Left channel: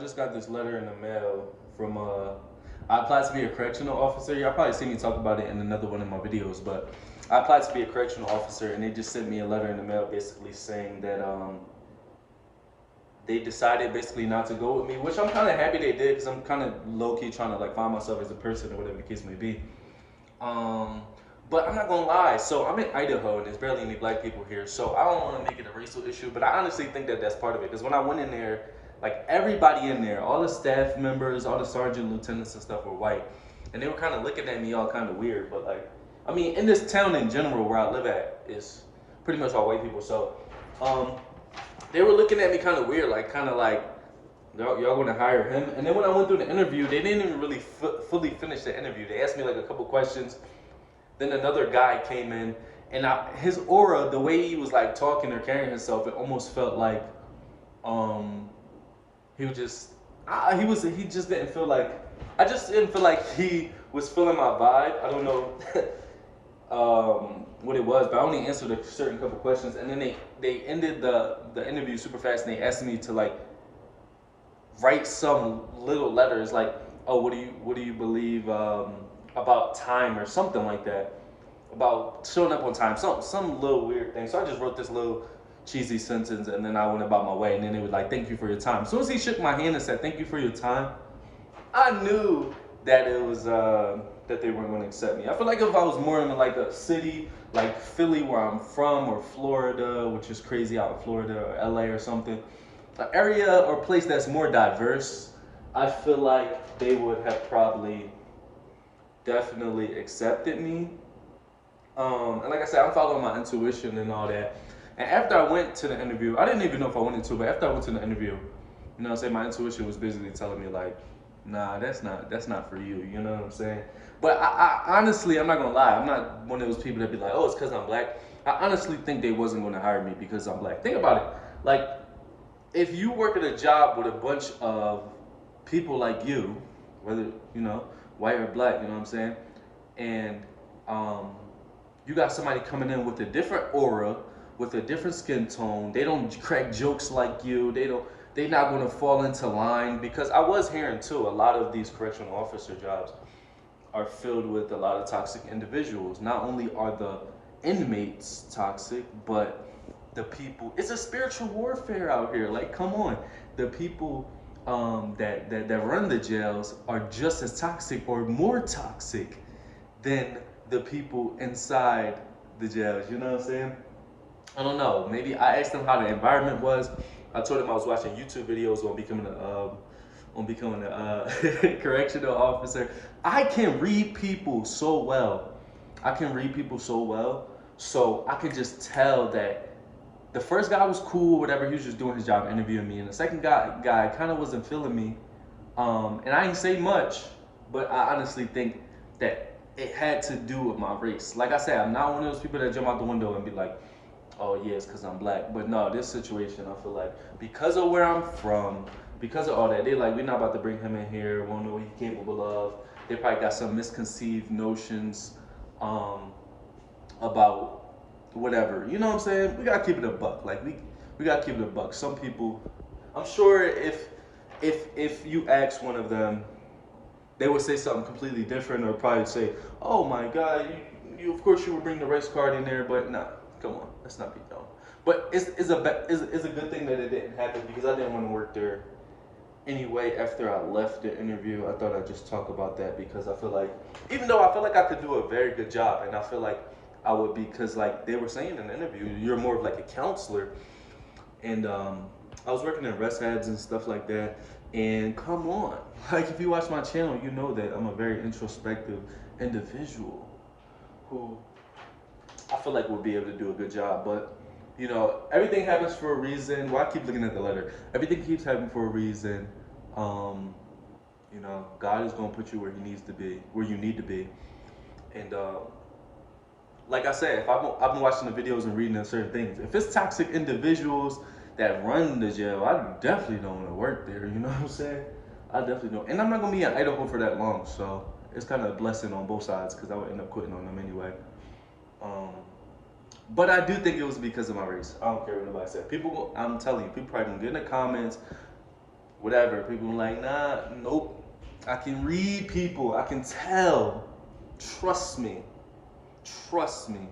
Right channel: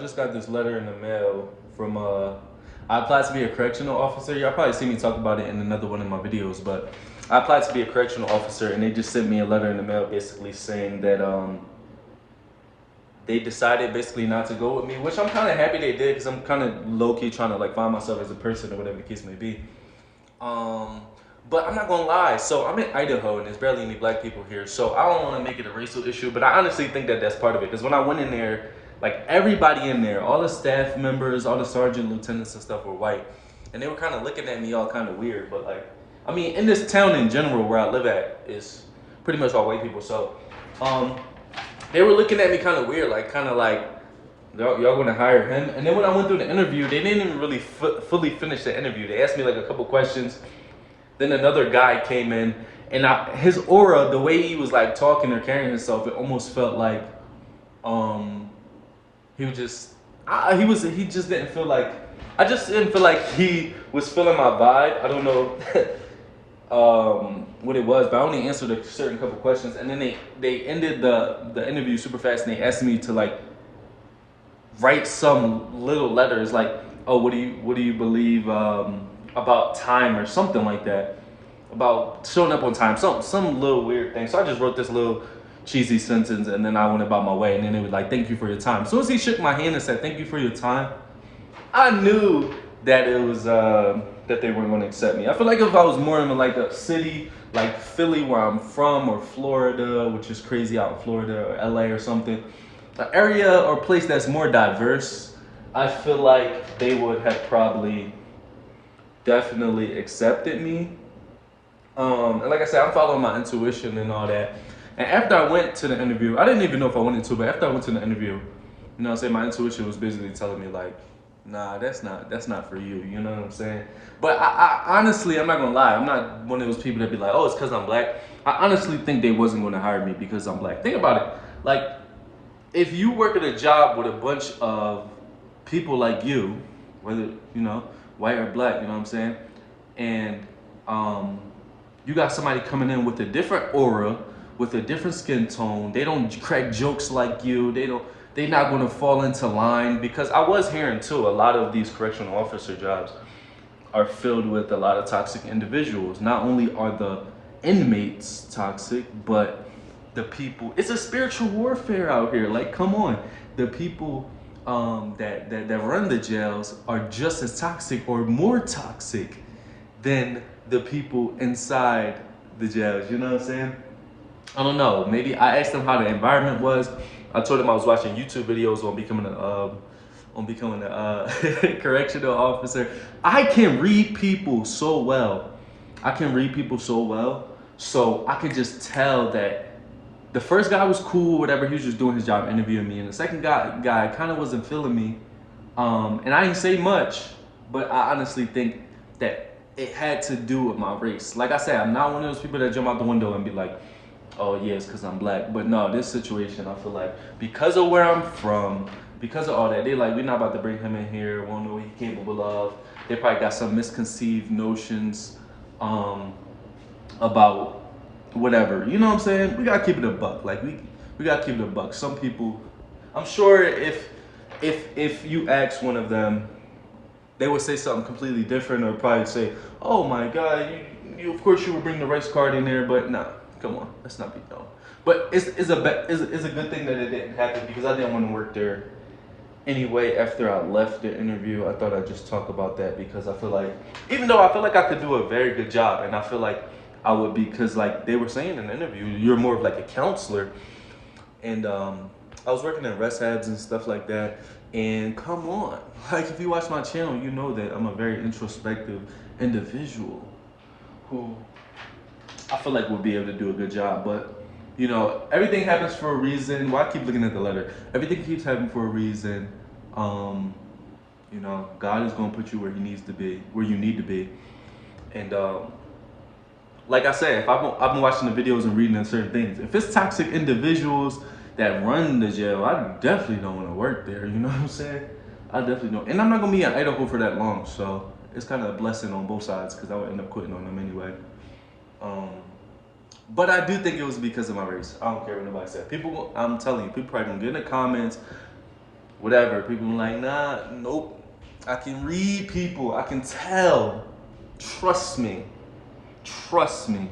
Just got this letter in the mail from I applied to be a correctional officer. Y'all probably see me talk about it in another one of my videos, but I applied to be a correctional officer, and they just sent me a letter in the mail basically saying that they decided basically not to go with me, which I'm kind of happy they did because I'm kind of low key trying to like find myself as a person or whatever the case may be. Um, but I'm not gonna lie. So I'm in Idaho, and there's barely any black people here. So I don't want to make it a racial issue, but I honestly think that that's part of it. Because when I went in there, like everybody in there, all the staff members, all the sergeant, lieutenants, and stuff were white, and they were kind of looking at me all kind of weird. But like, I mean, in this town in general where I live at is pretty much all white people. So, um, they were looking at me kind of weird, like kind of like y'all gonna hire him? And then when I went through the interview, they didn't even really fully finish the interview. They asked me like a couple questions. Then another guy came in, and his aura, the way he was like talking or carrying himself, it almost felt like um he was just he just didn't feel like I just didn't feel like he was feeling my vibe. I don't know what it was, but I only answered a certain couple questions, and then they ended the interview super fast, and they asked me to like write some little letters like, oh, what do you believe about time or something like that, about showing up on time, some little weird thing. So I just wrote this little cheesy sentence, and then I went about my way. And then it was like, thank you for your time. As soon as he shook my hand and said thank you for your time, I knew that it was that they weren't going to accept me. I feel like if I was more in like a city like Philly, where I'm from, or Florida, which is crazy out in Florida, or LA or something, an area or place that's more diverse, I feel like they would have probably definitely accepted me. And like I said, I'm following my intuition and all that. And after I went to the interview, I didn't even know if I wanted to, but after I went to the interview, you know what I'm saying, my intuition was basically telling me like, nah, that's not for you. You know what I'm saying? But I honestly, I'm not gonna lie, I'm not one of those people that be like, oh, it's because I'm black. I honestly think they wasn't gonna hire me because I'm black. Think about it. Like, if you work at a job with a bunch of people like you, whether white or black, you know what I'm saying, and um, you got somebody coming in with a different aura, with a different skin tone. They don't crack jokes like you. They don't. They're not going to fall into line, because I was hearing too, a lot of these correctional officer jobs are filled with a lot of toxic individuals. Not only are the inmates toxic, but the people. It's a spiritual warfare out here. Like, come on, the people that run the jails are just as toxic or more toxic than the people inside the jails. You know what I'm saying? I don't know. Maybe I asked them how the environment was. I told them I was watching YouTube videos on becoming a correctional officer. I can read people so well. I can read people so well. So I could just tell that the first guy was cool, whatever. He was just doing his job, interviewing me, and the second guy kind of wasn't feeling me. And I didn't say much, but I honestly think that it had to do with my race. Like I said, I'm not one of those people that jump out the window and be like, oh yeah, it's because I'm black. But no, this situation, I feel like because of where I'm from, because of all that, they like, we're not about to bring him in here. We won't know what he's capable of. They probably got some misconceived notions about whatever. You know what I'm saying? We gotta keep it a buck. Like we gotta keep it a buck. Some people, I'm sure if you ask one of them, they would say something completely different, or probably say, "Oh my God, you of course you would bring the race card in there," but nah, come on, let's not be dumb. But it's a good thing that it didn't happen, because I didn't want to work there anyway. After I left the interview, I thought I'd just talk about that, because I feel like, even though I feel like I could do a very good job, and I feel like I would be, because like they were saying in the interview, you're more of like a counselor, and I was working in rehabs and stuff like that. And come on, like if you watch my channel, you know that I'm a very introspective individual who I feel like would be able to do a good job. But everything happens for a reason. Why I keep looking at the letter? Everything keeps happening for a reason. Um, God is gonna put you where He needs to be, where you need to be. And like I said, if I've been watching the videos and reading on certain things, if it's toxic individuals that run the jail, I definitely don't want to work there. You know what I'm saying? I definitely don't. And I'm not gonna be in Idaho for that long, so it's kind of a blessing on both sides, because I would end up quitting on them anyway. Um, but I do think it was because of my race. I don't care what nobody said. People, I'm telling you, people probably gonna get in the comments whatever. People were like, nah, nope. I can read people. I can tell. Trust me. Trust me.